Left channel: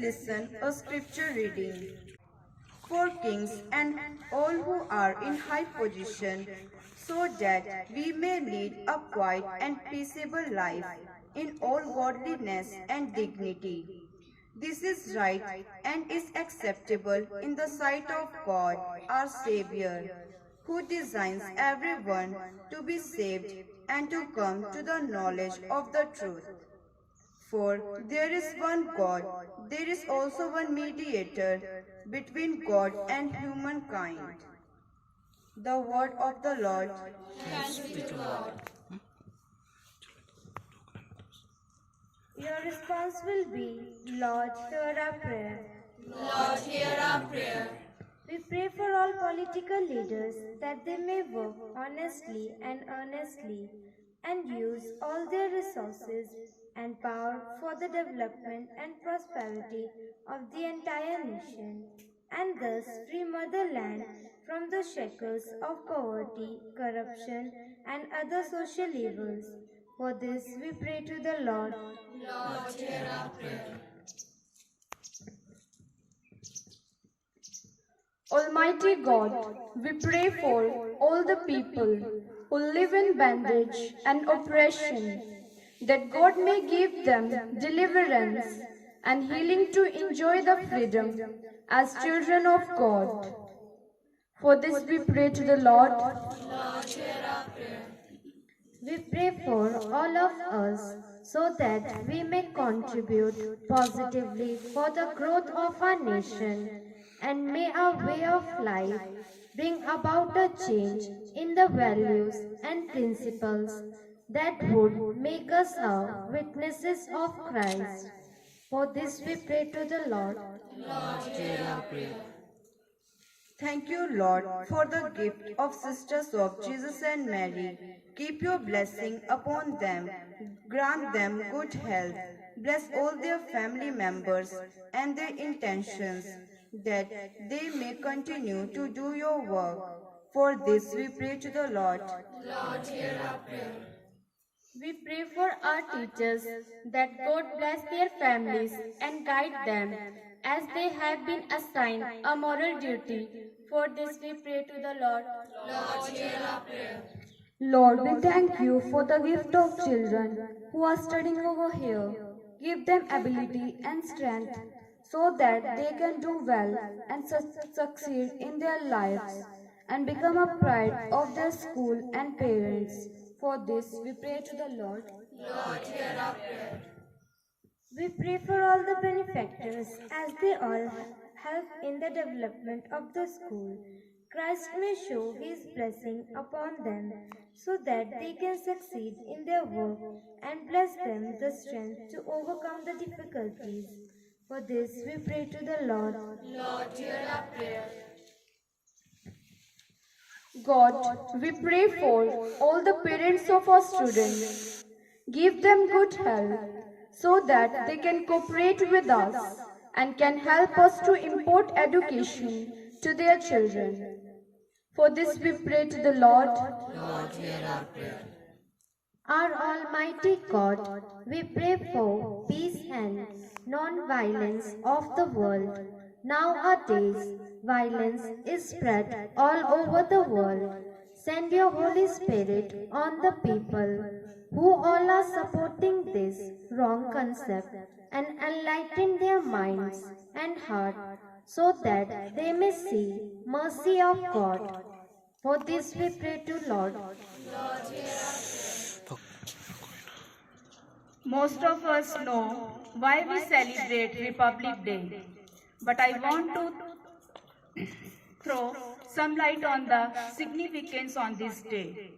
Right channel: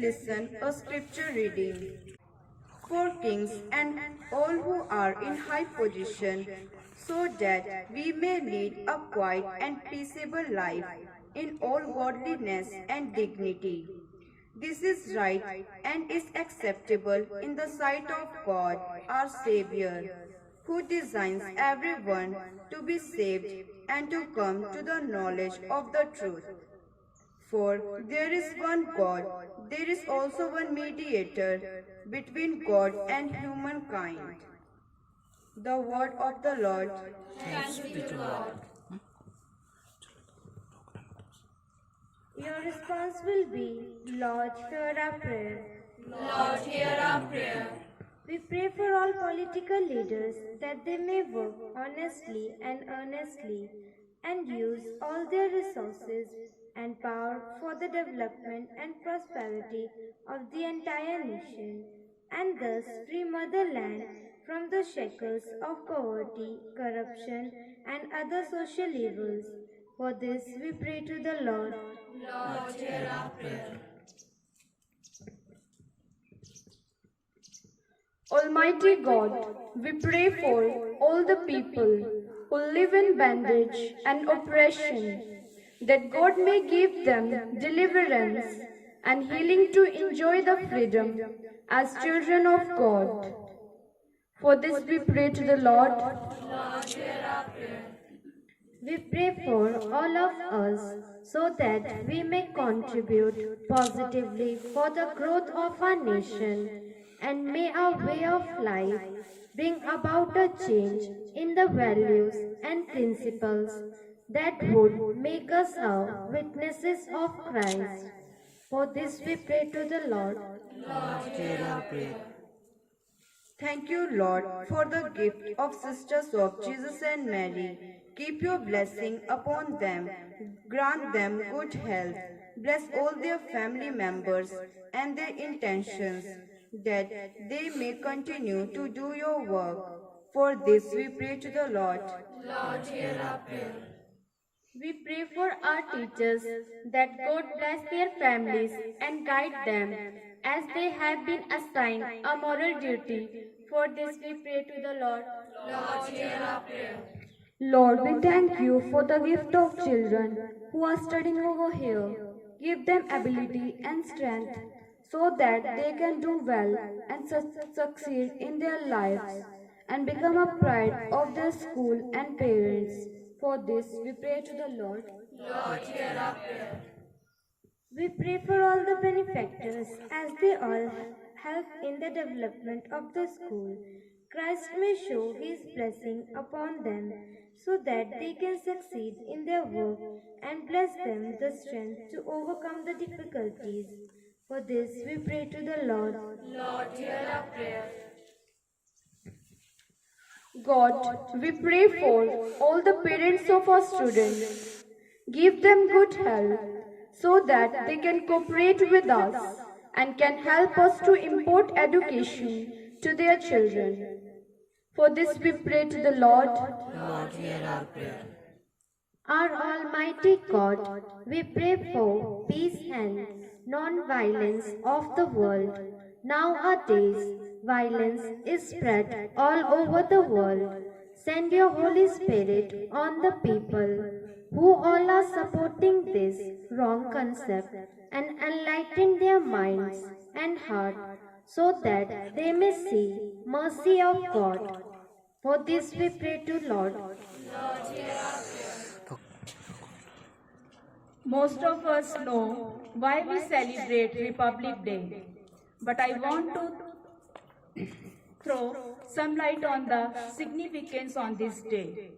listen a scripture reading. For kings and all who are in high position, so that we may lead a quiet and peaceable life in all godliness and dignity. This is right and is acceptable in the sight of God, our Savior, who designs everyone to be saved and to come to the knowledge of the truth. For there is one God, there is also one mediator between God and humankind. The word of the Lord. Thanks be to God. Your response will be, Lord, hear our prayer. Lord, hear our prayer. We pray for all political leaders that they may work honestly and earnestly and use all their resources and power for the development and prosperity of the entire nation, and thus free motherland from the shackles of poverty, corruption, and other social evils. For this we pray to the Lord. Lord, hear our prayer. Almighty God, we pray for all the people who live in bondage and oppression, that God may give them deliverance and healing to enjoy the freedom as children of God. For this we pray to the Lord. Lord, hear our prayer. We pray for all of us so that we may contribute positively for the growth of our nation, and may our way of life bring about a change in the values and principles that would make us witnesses of Christ. For this we pray to the Lord. Lord, hear our prayer. Thank you, Lord, for the gift of sisters of Jesus and Mary. Keep your blessing upon them. Grant them good health. Bless all their family members and their intentions, that they may continue to do your work. For this we pray to the Lord. Lord, hear our prayer. We pray for our teachers that God bless their families and guide them as they have been assigned a moral duty. For this we pray to the Lord. Lord, hear our prayer. Lord, we thank you for the gift of children who are studying over here. Give them ability and strength so that they can do well and succeed in their lives and become a pride of their school and parents. For this we pray to the Lord. Lord, hear our prayer. We pray for all the benefactors as they all help in the development of the school. Christ may show his blessing upon them so that they can succeed in their work and bless them the strength to overcome the difficulties. For this we pray to the Lord. Lord, hear our prayer. God, we pray for all the parents of our students. Give them good health so that they can cooperate with us and can help us to impart education to their children. For this we pray to the Lord. Lord, hear our prayer. Our Almighty God, we pray for peace and non-violence of the world. Nowadays, violence is spread all over the world. Send your Holy Spirit on the people who all are supporting this wrong concept and enlighten their minds and heart so that they may see mercy of God. For this we pray to Lord. Lord, hear our prayer. Most of us know why we celebrate Republic Day, but I want to throw some light on the significance on this day.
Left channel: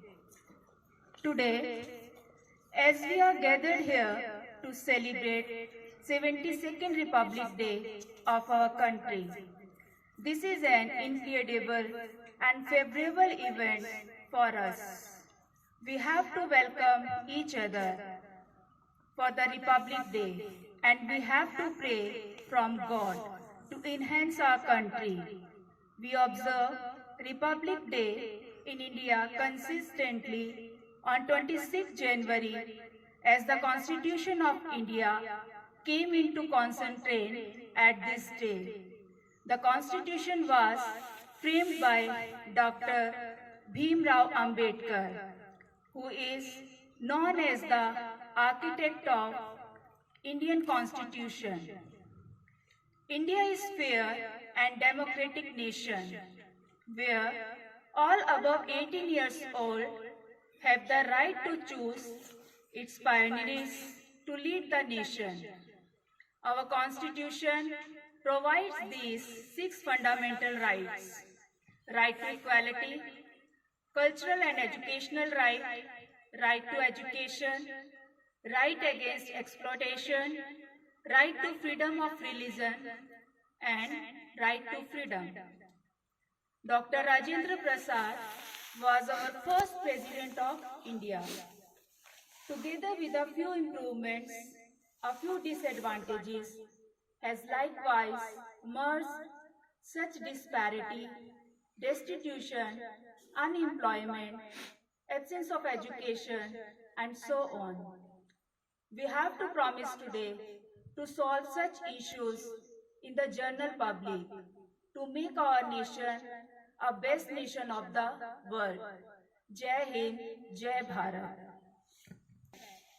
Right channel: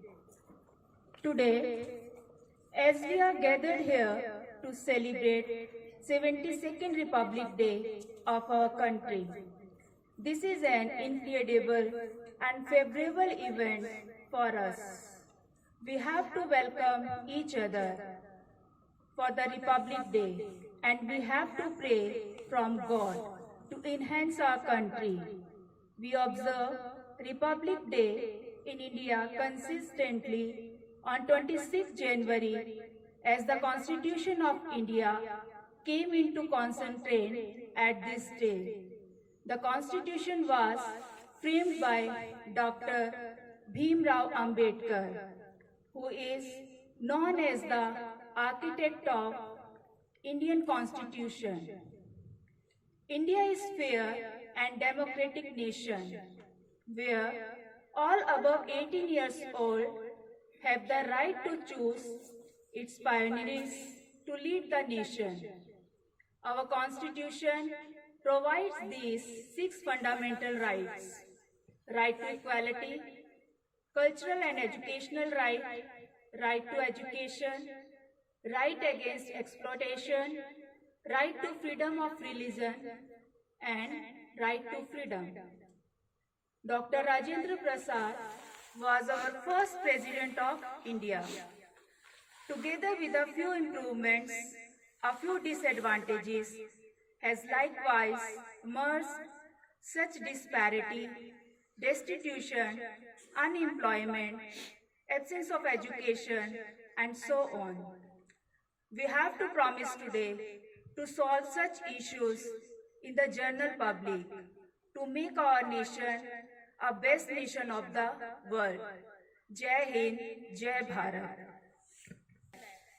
Today, as we are gathered here to celebrate 72nd Republic Day of our country, this is an incredible and favorable event for us. We have to welcome each other for the Republic Day, and we have to pray from God to enhance our country. We observe Republic Day in India consistently on 26 January as the Constitution of India came into concentrate at this day. The Constitution was framed by Dr. Bhim Rao Ambedkar, who is known as the architect of Indian Constitution. India is fair and democratic nation where all above 18 years old have the right to choose its pioneers to lead the nation. Our Constitution provides these 6 fundamental rights: right to equality, cultural and educational right, right to education, right against exploitation, right to freedom of religion, and right to freedom. Dr. Rajendra Prasad was our first President of India. Together with a few improvements, a few disadvantages, has likewise merged such disparity, destitution, unemployment, absence of education, and so on. We have to promise today to solve such issues in the general public, to make our nation a best nation of the world. Jai Hind, Jai Bharat.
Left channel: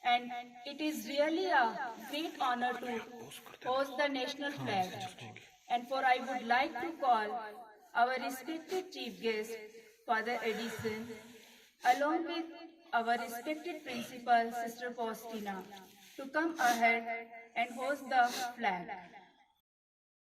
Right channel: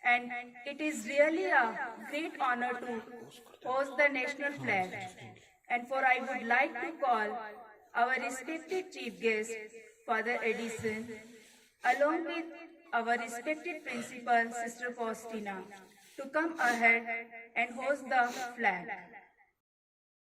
And it is really a great honor to host the national flag. And for I would like to call our respected chief guest, Father Edison, along with our respected principal, Sister Faustina, to come ahead and host the flag.